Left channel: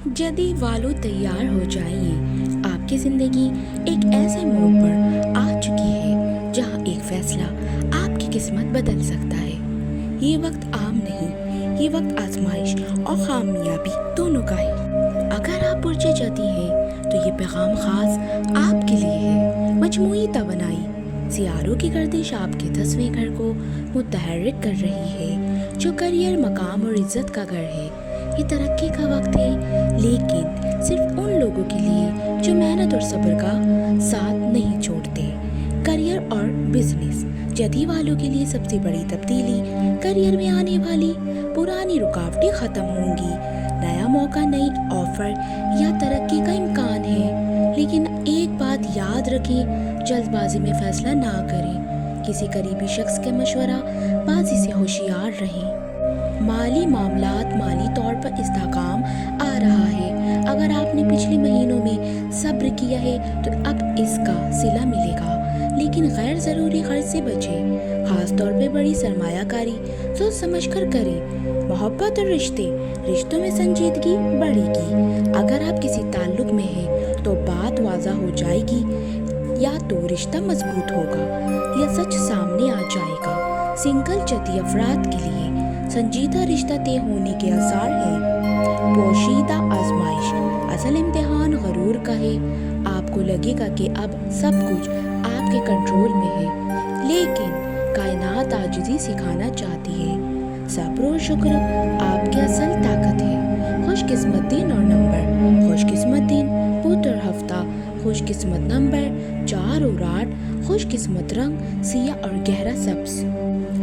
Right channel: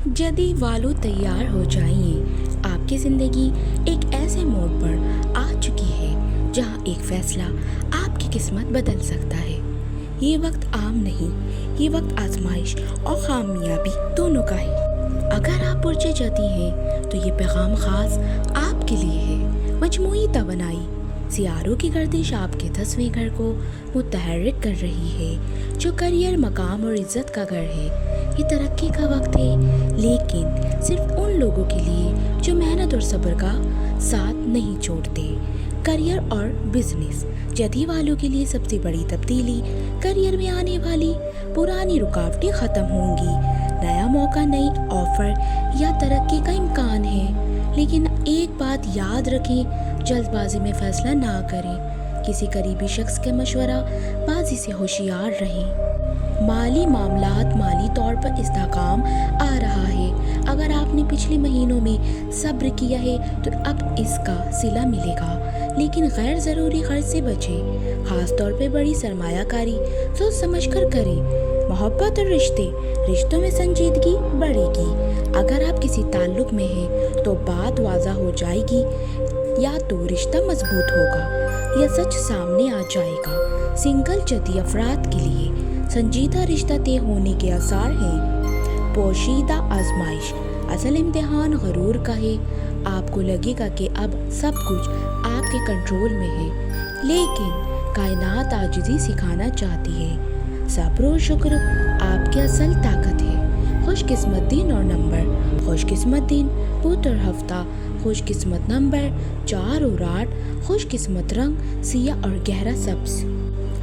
जदी वालों तैयार हो जाइए। आपकी ज़िंदगी एक ऐसे मोड़ पर आ चुकी है जहां एक फैसला आपकी किस्मत बदल सकता है। ये वक्त आम नहीं, ये वक्त आजमाइश और कामयाबी दोनों का है। अगर आप पुरजे जदी हैं तो ये पैगाम ख़ास आपके लिए है। मजमूई तवनाई, सियारों की गर्दिश आपके 10वें घर को मुतहर्रिक कर रही है, जो करियर, मकाम और इज़्ज़त का घर है। ये तरक्की का वक्त है, लेकिन सिर्फ उन लोगों के लिए जो मेहनत और सब्र का साथ नहीं छोड़ते। करियर और बिजनेस, जदी वालों के लिए सबसे बड़ी तब्दीली, करियर में आने वाली पुरानी रुकावटें ख़त्म होंगी। नया मौका, नई ऑफ़र या तरक्की का इम्कान है। लेकिन एक बात याद रखें, जल्दबाजी में फ़ैसला ना करें। किसी करीबी शख्स के मशवरा बाजी से होशियार रहें। माली मामलात, माली तौर पर इस्तेहकाम आ रहा है। अगर आपने पिछले महीनों में सब्र किया है तो अब इसका सिला मिलेगा। लेकिन गैर ज़रूरी खर्च से बचें, ख़ास तौर पे बड़ी सरमायाकारी सोच समझ कर करें। मोहब्बत और रिश्तों में संजीदगी बढ़ेगी। अगर आप किसी ताल्लुक़ में हैं तो बात वाज़ा हो जाएगी, या तो रिश्ता मजबूत होगा या सच सामने आ जाएगा। सिंगल जदी अफराद के लिए संजीदा रिश्ता तय होने के आसार हैं। पोशीदा आजमाइश, असल इम्तिहान गरूर का है। आपको लगेगा कि अब सब कुछ आपके कंट्रोल में है, लेकिन कायनात आजिज़ी सिखाना चाहती है। सब्र और शुक्र आपकी असल ताकत है। खुशकिस्मत दिन और नंबर, खुशकिस्मत दिन बुध और हफ्ता, खुशकिस्मत नंबर 4 और 8, खुशकिस्मत रंग सियाह और गहरा सब्ज़।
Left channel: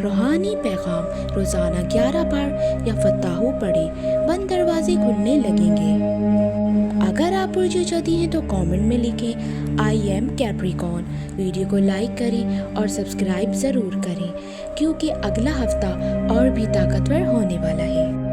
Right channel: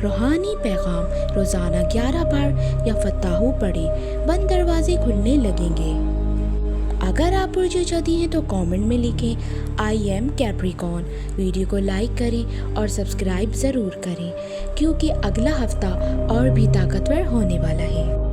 रूहानी पैगाम, रोज़ाना 11 बार या फताहू पढ़े, बंद दरवाजे खुलने लगेंगे। अगर आप पुरजे जदी हैं तो कमेंट में लिखें आई एम कैप्रिकॉर्न। वीडियो को लाइक करें और सब्सक्राइब ज़रूर करें, क्योंकि अगला हफ्ता और भी ताकतवर होने वाला है।